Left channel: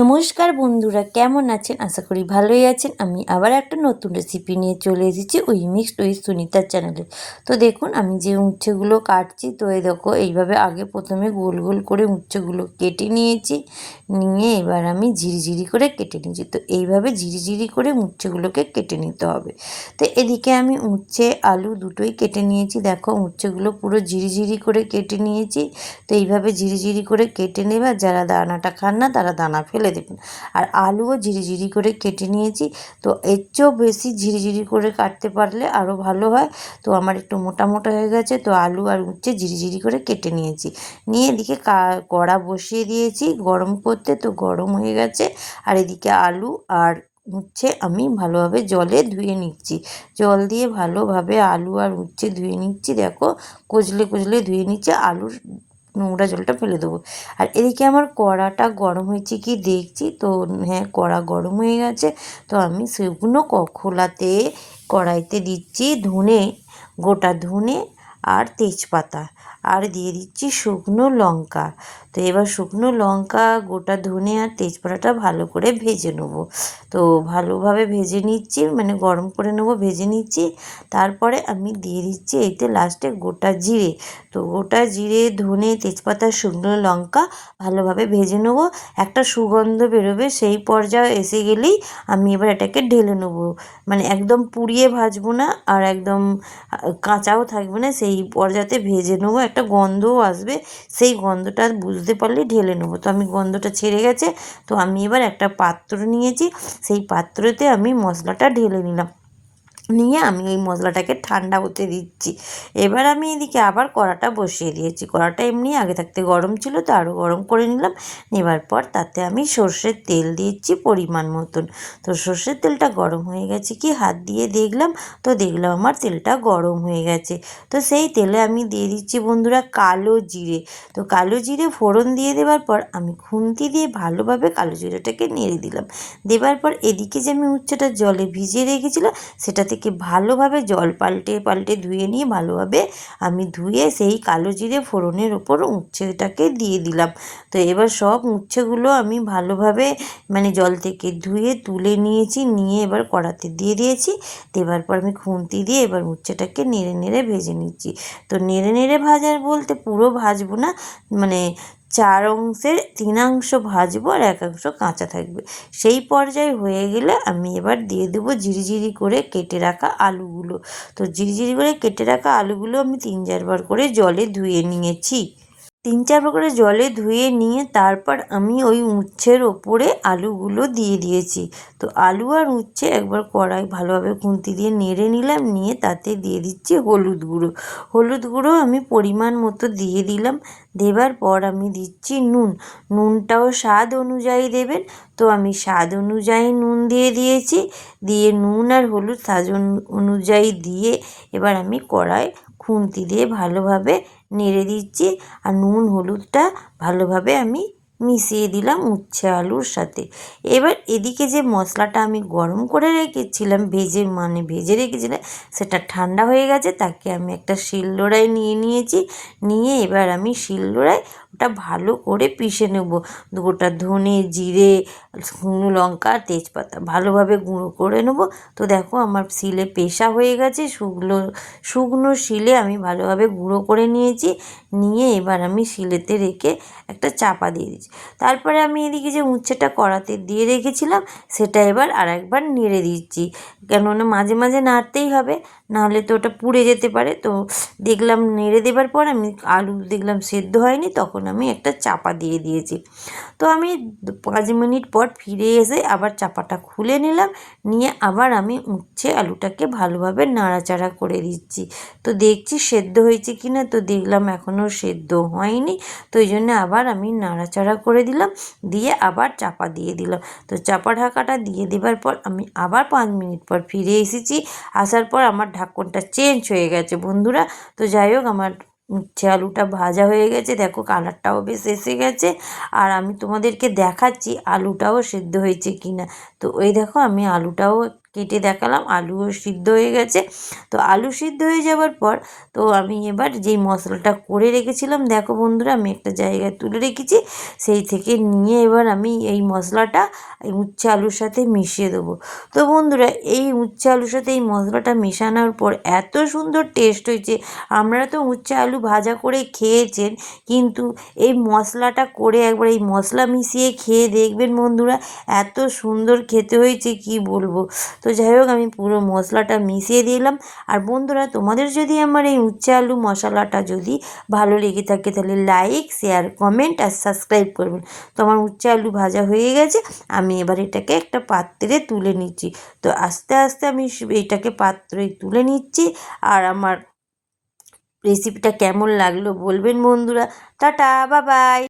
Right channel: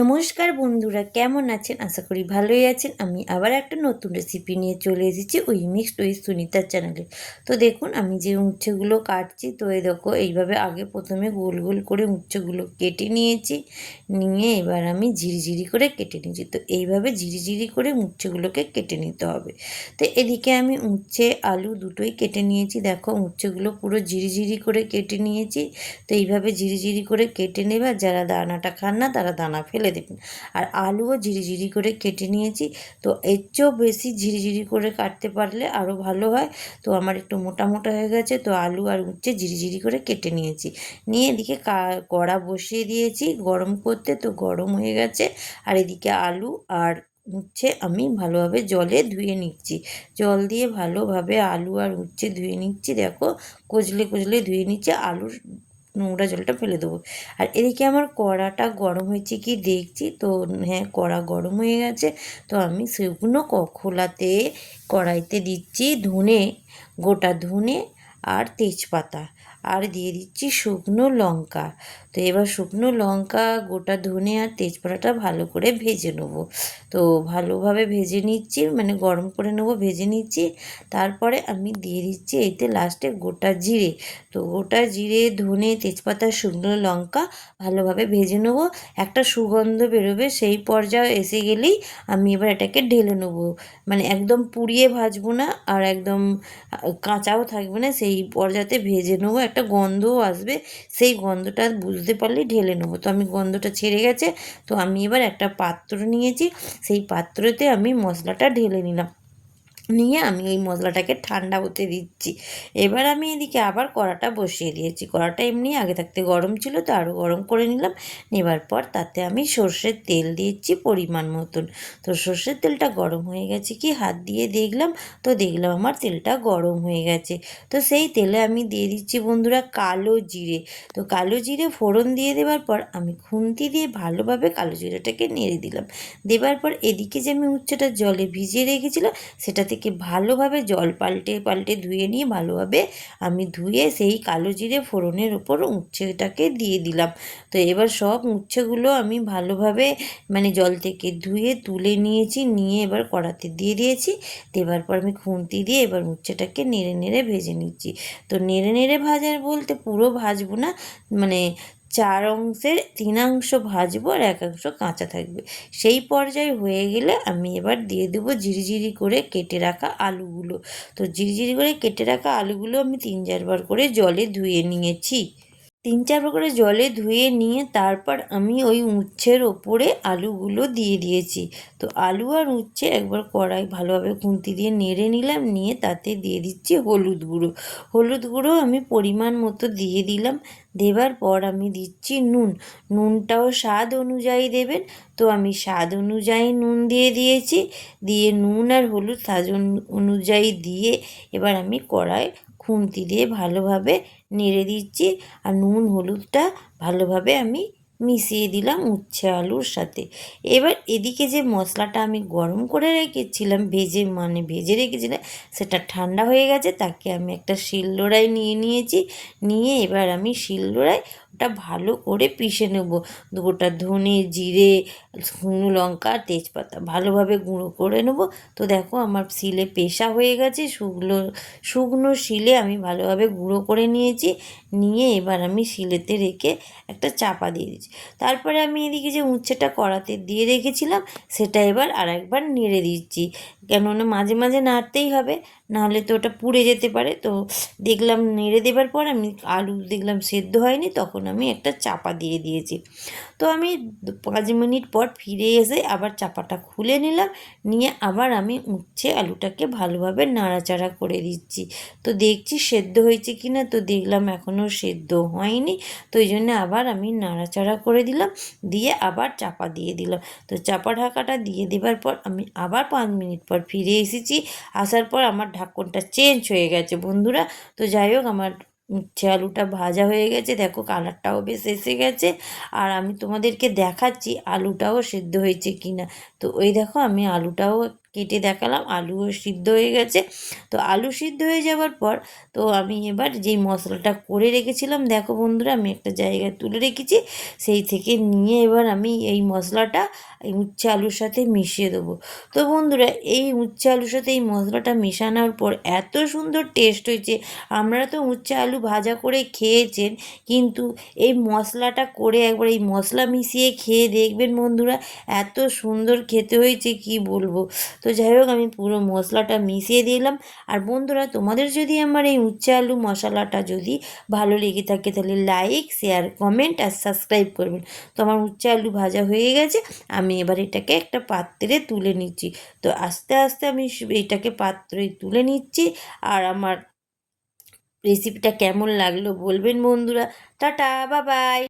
নমস্কার বন্ধুরা, কেমন আছেন? আশা করি ভালোই আছেন। আমি আবার একটা নতুন রেসিপি নিয়ে চলে এসেছি উই মিক্সড উইথ সুনিতার চ্যানেলে। তো দেখুন আমি যে উচ্ছেগুলো কাটছি, তো এই দেখো এইভাবে আগে প্রথমে গোল গোল করে উচ্ছেগুলো কেটে নিয়েছি। নিয়ে এবার আমি ঝিরিঝিরি করে কেটে নিয়েছি। তো এইভাবে ঝিরিঝিরি করে উচ্ছেগুলোকে কেটে নিতে হবে। তো এদিকে আমি উচ্ছে আলু দুটোই কেটে নিয়েছি। দেখো উচ্ছেগুলো পুরো ঝিরিঝিরি করে কেটে নিয়েছি। তো এইভাবে ঝিরিঝিরি করে কেটে নেবে, আর যারা দানাটা খান না তারা দানা ফেলে দেবেন। আর আলুও ঝিরিঝিরি করে কেটে নিয়েছি। তো এর চেয়েও বেশি ঝিরিঝিরি করে কাটতে পারলে আরও ভালো হয়। তো আমার একটু মোটা মোটা হয়ে গেছে, তো আলু আর উচ্ছে ঝিরিঝিরি করে কেটে নিয়েছি। নিয়ে এদিকে কড়া বসিয়ে দিয়েছি গরম করতে, তো গরম হয়ে গেছে। আর এদিকে আলু আর উচ্ছে আমি ভালোভাবে জলে ধুয়ে নিচ্ছি। জল দিয়ে ভালোভাবে আলু আর উচ্ছে ধুয়ে নিচ্ছি। দেখো কচলে কচলে ধুয়ে নিচ্ছি, আলুর নোংরা জলটা ফেলে দেবো। আর এদিকে আমার কড়াটা গরম হয়েছে কি দেখছি, তো হ্যাঁ কড়া গরম হয়ে গেছে। তো আমি সেগুলো খোলাতে কড়াইতে দিচ্ছি ধনে, গোটা ধনে আর তেজপাতা, আর দিয়ে দিচ্ছি শুকনো লঙ্কা। তো এবার শুকনো লঙ্কা, গোটা ধনে আর তেজপাতাটা ভালো করে ভেজে নেবো। তো ভালোভাবে ভেজে নিচ্ছি, মানে গরম করে নেবো, ভেজে নিচ্ছি। তারপরে আমি দিয়ে দিচ্ছি এতে লাস্টে গোটা জিরে। তো গোটা জিরে, ধনে, তেজপাতা, শুকনো লঙ্কা ভালোভাবে ভেজে নেবো। একটা সুগন্ধ বেরোবে, সেই পর্যায়ে এসে গেলেই আমি এবার এটাকে ঢেলে নেবো। মানে একদম পুড়িয়ে ভাজবো না, আর একদম কাঁচাও থাকবে না, সেই পর্যায়ে ভেজে নেবো। একটা গন্ধও আসবে, সেই গন্ধটা বুঝতে পারলে ঢেলে নেবো। তো আমি গন্ধটা ছেড়ে গেছে, তো আমি এবার একটা পাত্র নিয়েছি, সেই পাত্রতে আমি মশলাটা ঢেলে নিলাম। নিয়ে আমি ওই মশলাটাকে ঠান্ডা হতে দিচ্ছি। এবার আমি এদিকে আবার কড়াটা বসিয়ে দিয়েছি। কড়াটা এমনি আগে থাকতে গরম ছিল, তো আরও গরম করে নিলাম। নেবার পর তাতে আমি সর্ষের তেল দিয়েছি পরিমাণ মতন। তো সর্ষের তেলটা গরম হয়ে গেছে কি হাত দিয়ে দেখলাম, তো দেখলাম আমার তেলটা গরম হয়ে গেছে। তো সেই তেলে আমি দিয়ে দিচ্ছি বন্ধুরা কালো জিরে। তো কালো জিরে ফোড়ন দিয়ে দেওয়ার পর আমি খুন্তি দিয়ে ভালোভাবে কালো জিরেটাকে নেড়ে দিলাম। দেবার পর এদিকে যে আমি উচ্ছেটা জলে ভিজিয়ে রেখেছিলাম, সেটা থেকে ভালোভাবে জল পাল্টে পাল্টে ধুয়ে নিয়ে ভালোভাবে আমি ধুয়ে সেই কালো জিরে ফোড়নের ওপর উচ্ছেটাকে দিয়ে দিলাম। তো এবার সব উচ্ছেগুলো আমি ভালোভাবে মানে জল থেকে ধুয়ে তুলে নিয়েছি, নিয়ে এবার কড়াতে দিয়ে দিয়েছি। দেবার পর আমি খুন্তি দিয়ে এবার উচ্ছেটাকে নেড়ে নেড়ে ভেজে নিচ্ছি। তো নেড়ে নেড়ে ভাজার বলতে পুরো ভাজবো না, মানে 4 অংশের 3 অংশ ভাজবো আর 1 অংশ কাঁচা থাকবে। সেই পর্যায়ে হয়ে গেলে আমি এবার দিয়ে দেবো ঝিরিঝিরি করে কেটে রাখা আলুগুলো। তো ঝিরিঝিরি করে কেটে রাখা আলুগুলো আমি 3-4 বার করে জলে ধুয়ে নিয়েছি। 3-4 বার করে জলে ধুয়ে নিয়ে তারপর আমি ওই উচ্ছের ওপরে আলুগুলো দিয়ে দিয়েছি। তো আলু আর উচ্ছে একবার কড়াই ভালোভাবে খুন্তি দিয়ে নেড়ে নিলাম, নিয়ে তাতে দিয়ে দিচ্ছি হলুদ গুঁড়ো। হলুদ গুঁড়ো আমি পরিমাণ মতো দিয়ে দিলাম। দেবার পর আমি দিচ্ছি নুন। নুনটাও স্বাদ অনুযায়ী দেবেন। তো আমি স্বাদ অনুযায়ী নুন দিয়ে দিয়েছি। দিয়ে নুন আর হলুদ স্বাদ অনুযায়ী দিয়ে এবার আমি কড়াই খুন্তি দিয়ে ভালোভাবে নেড়ে দিচ্ছি। আর নুন হলুদটা ভালোভাবে আমি মিশিয়ে দিলাম উচ্ছে আলুর সাথে। এবার এদিকে যে মশলাটা আমি গরম করে রেখেছিলাম, ভেজে রেখেছিলাম, সেটা ঠান্ডা হয়ে গেছে। তাকে আমি একটা শিলনোড়ায় নিয়ে নিয়েছি। নিয়ে এবার আমি শিলনোড়ায় ওটা ভালো করে পিষে নেব। গোটা ধনে, জিরে, শুকনো লঙ্কা, তেজপাতা ভালোভাবে গুঁড়ো করে নেব। তো দেখো আমার শিলে পেষা হয়ে গেছে, শুকনো শুকনো শিলে আমি ভালোভাবে গুঁড়ো করে নিয়েছি। নিয়ে এবার আমি শিলেতে রেখে একটা চাপা দিয়ে দিচ্ছি। তারপরে আমি এদিকে যে উচ্ছেটা কড়াতে দিয়ে রেখেছিলাম, সেটা এবার আরেকবার নেড়ে দিচ্ছি। কেননা মাঝে মাঝে নাড়তেই হবে, নাহলে তো ওটা পুড়ে যেতে পারে। তো দেখলাম নেড়ে দেবার পর আমি আলু দেখলাম সেদ্ধ হয়নি, তখন আমি একটা চাপা দিয়ে দিয়েছি। তো আমি 5 মিনিট পর ফিরে এসে আবার চাপাটা খুলে নিলাম। নিয়ে আবার আমি উচ্ছে আলুটাকে ভালোভাবে নাড়াচাড়া করে দিচ্ছি। তো দেখছি সেদ্ধ হয়েছে কি না, তো দেখলাম এখনও সেদ্ধ হয়নি। তো এই জন্য আবার আমি নাড়াচাড়া করে দিলাম, দিয়ে আবার চাপা দিয়ে দিলাম। তো চাপা ঢাকাটা দিয়ে দেবার পর আমি আবার 5 মিনিট পর ফিরে এসেছি। আসার পর আমার ঢাকনটা চেঞ্জ হয়ে গেছে বন্ধুরা। তো যাই হোক আমার উচ্ছে আলুটা ভাজা হয়ে গেছে, দেখো কালারটাও বেশ এসে গেছে। আর আমি তোমাদেরকে দেখাচ্ছি আলুটাও সেদ্ধ হয়েছে কি না। তো ওই দেখো আমি আলুটাও কেটে দেখালাম, আলুও সিদ্ধ হয়ে গেছে। তো আলু সিদ্ধ হয়ে যাওয়ার পর তো আমি এবার যেই মশলাটা করে রেখেছিলাম, দেখো বন্ধুরা আমি একটা জায়গায় তুলে রেখেছি, সেই থেকে নিয়ে এবার আমি এই মশলাটা এই উচ্ছে আলুর সাথে মিশিয়ে দেবো। তো বন্ধুরা এই উচ্ছে আলুর সাথে এই মশলাটা মেশানোর পর এত সুন্দর টেস্ট হয়েছে। আপনারা তো উচ্ছে আলু ভাজা করে খেয়েছেন, কিন্তু এই মশলাটা করে একবার এই মশলা মিশিয়ে খেয়ে দেখবেন বন্ধুরা, এত সুন্দর খেতে হয়েছে কি বলবো। তো যাই হোক আমি পুরো মশলাটা মিশিয়ে দিলাম। আর বন্ধুরা তোমাদের যদি আমার এই উচ্ছে আলু মশলাটা যদি ভালো লেগে থাকে তাহলে লাইক, শেয়ার, কমেন্ট আর সাবস্ক্রাইব করবেন। তো আমার উচ্ছে আলু ভাজা হয়ে গেছে, আমি এবার এটাকে একটা পাত্রে তুলে নিচ্ছি। তো আস্তে আস্তে আমি এটাকে পাত্রে তুলে নিচ্ছি। আর আমার রেসিপিটা কেমন লাগলো বলবেন বন্ধুরা। Tata, bye bye.